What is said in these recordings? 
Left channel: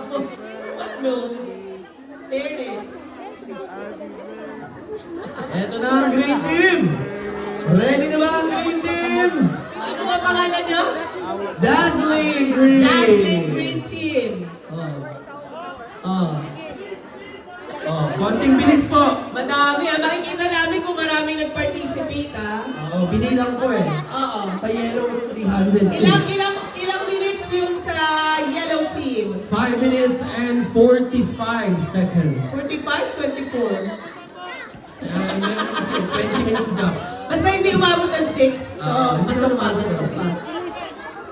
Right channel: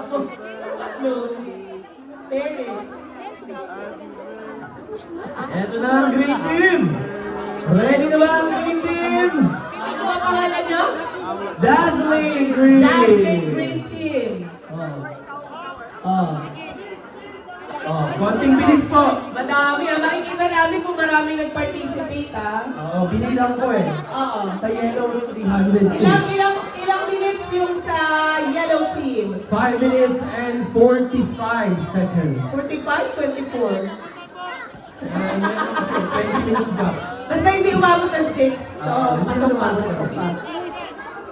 ako. Ano? Fairness. Eto na ang green team! Ready na ba ang green team? Ano nga pangalan niya? Dazzling Green! Dazzling Green Team. Konting bilis po. Madami ah. Makikita namin kung maraming nag-participate ah. Oo, binilang ko eh. Oo. Sa yellow, 300. Ilang minutes yung sa yellow team? 5 minutes and 45 seconds. 45, 24. Meron kasi 20 minutes gap. Basta hindi umabot ng 6. So, pasok pa.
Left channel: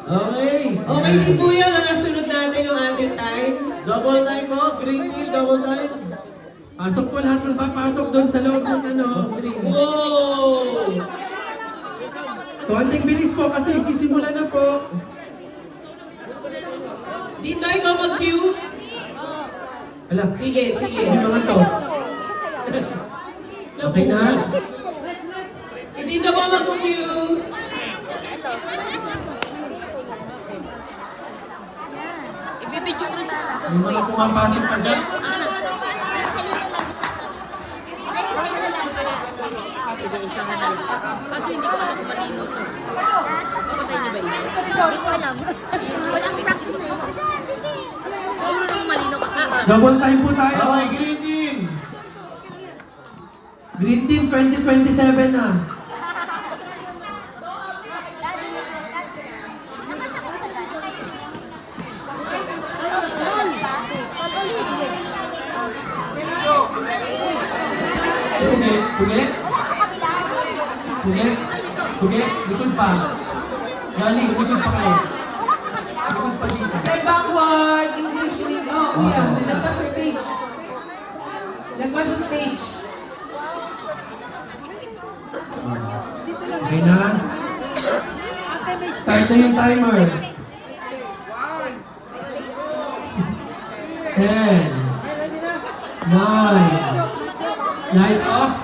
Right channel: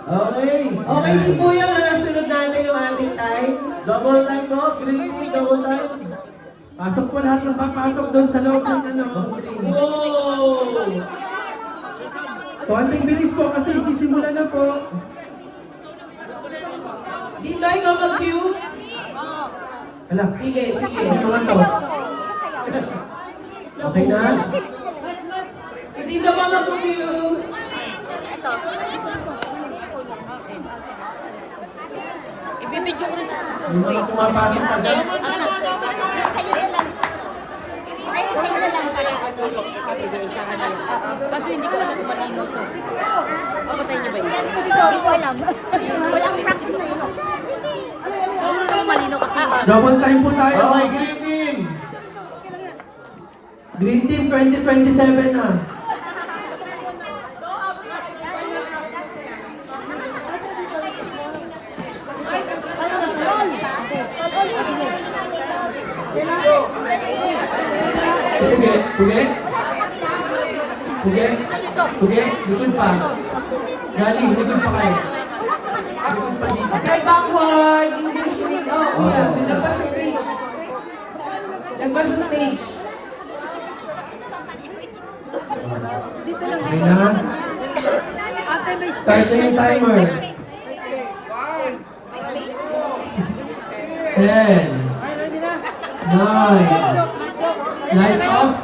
Okay. Okay din po yan. Nasunod natin yung ating time. Double time po, green team, double time. Pasok po lahat ng papasok doon sa loob ng green. Wow! Konting bilis po kasi sisimula na po. Dito ikaw mag-cue. Ala, Sige. yung mga to. Okay na? Si Dito ba mag-cue? Ibibidyo ko rin sa Yung mga pumapasok pa dyan. Kaso hindi ko lang malinaw to. Pagkatay na ba yun? Hindi ko alam. Hindi ko alam. Siguro kung malinaw kasi yung Double time po tayo. Okay, green team. Green Team 2027 na. Pugi, likod pa. Galing, likod pa kayo. Likod pa dito. Step backward. English lead. Oh, yeah. Lagpas sa stage. Okay na. Start na yung timer. 10, 9, lights off.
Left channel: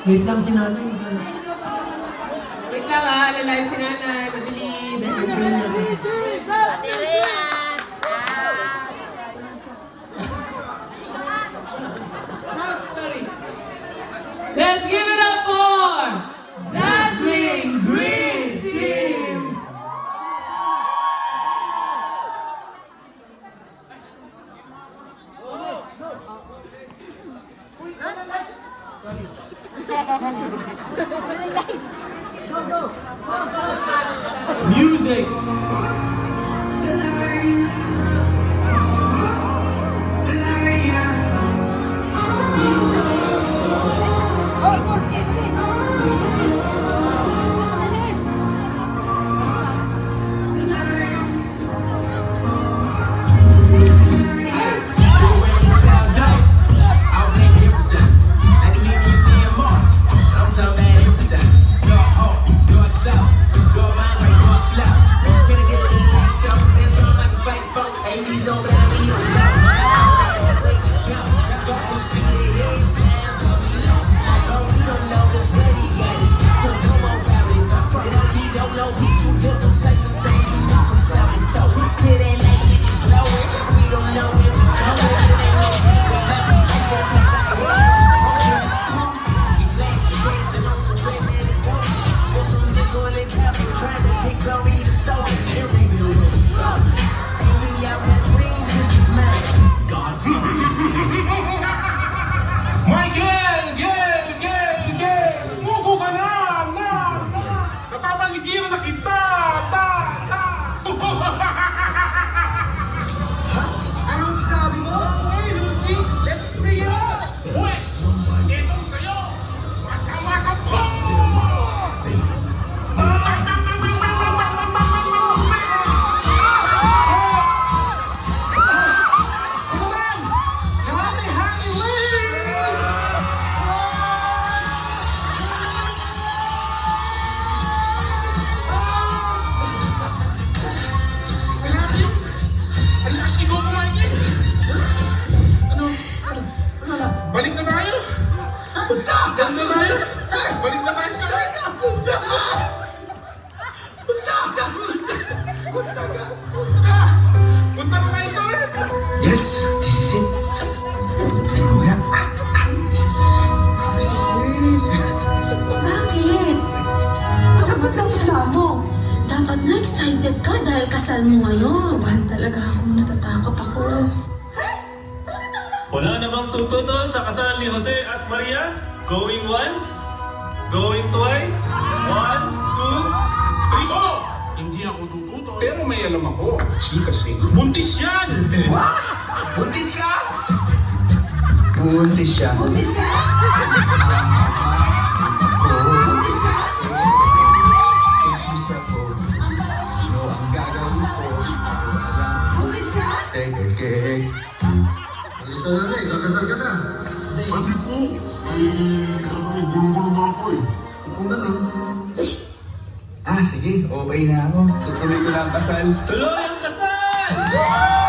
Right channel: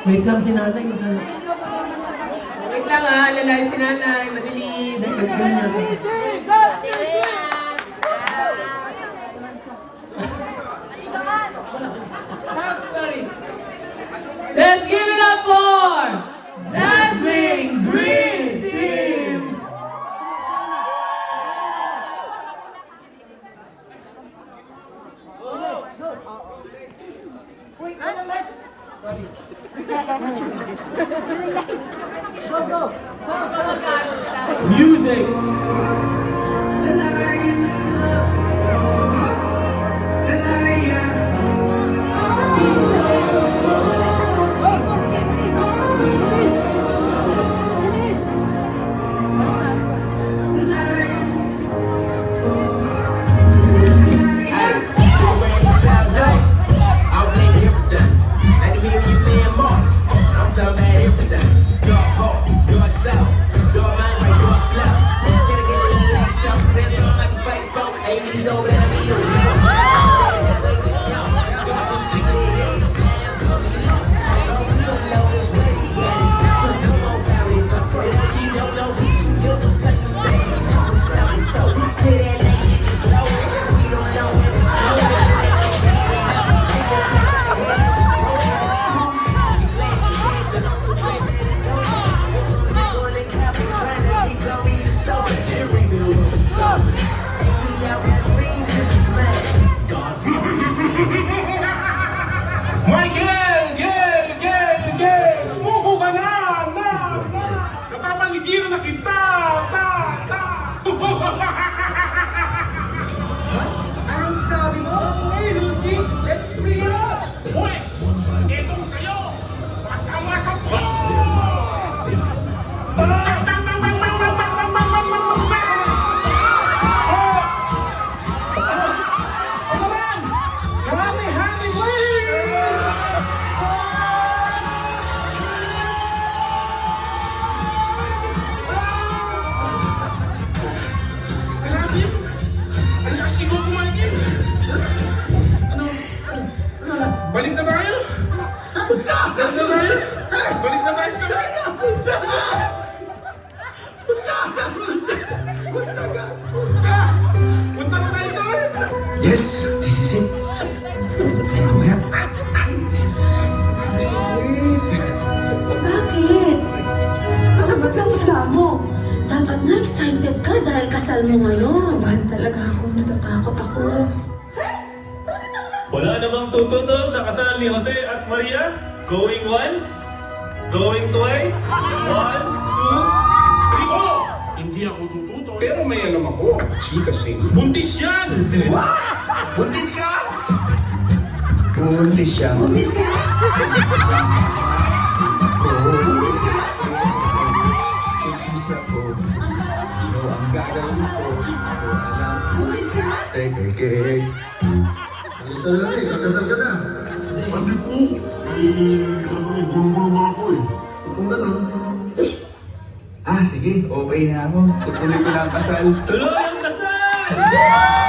Wait lang si nanay. Wait lang ah. Alalayan si nanay. Madilim. Sorry. Let's give it up for Dazzling Green Team! Music. Muko ka na! Napapaligiran na kita! Anong sabi mo? Hey, Lucy! Let's free us! Pwes! Itong sa'yo! Masama sa po! Balik na tayo! Balik na tayo! Balik na tayo! Punta ka! Yes, this is it. Mamaya. Bakit? Ba't ang reklamo? Dapat na excited ka dahil kasal mo ngayon. Mahal talaga ako, natatakot ako. Wala namang tututo sa kasal ni Jose at Maria. Going once, going twice, 1, 2, 3, Oh! Hindi ako tututo. Pero may alam ako. She kasi. Buntis yan! What? Buntis ka? Buntis siya. Buntis ka? Buntis ka? Kikisa ko. Ano ang gagawin ko? Buntis ka? Kek. Halika na rin, kakasal ka na. Pati po. Ay, gulong-gulong ako eh. Kung gano'n. Sige, okay na ako. Tutuloy ko na ang kasal. tuloy ang kasal!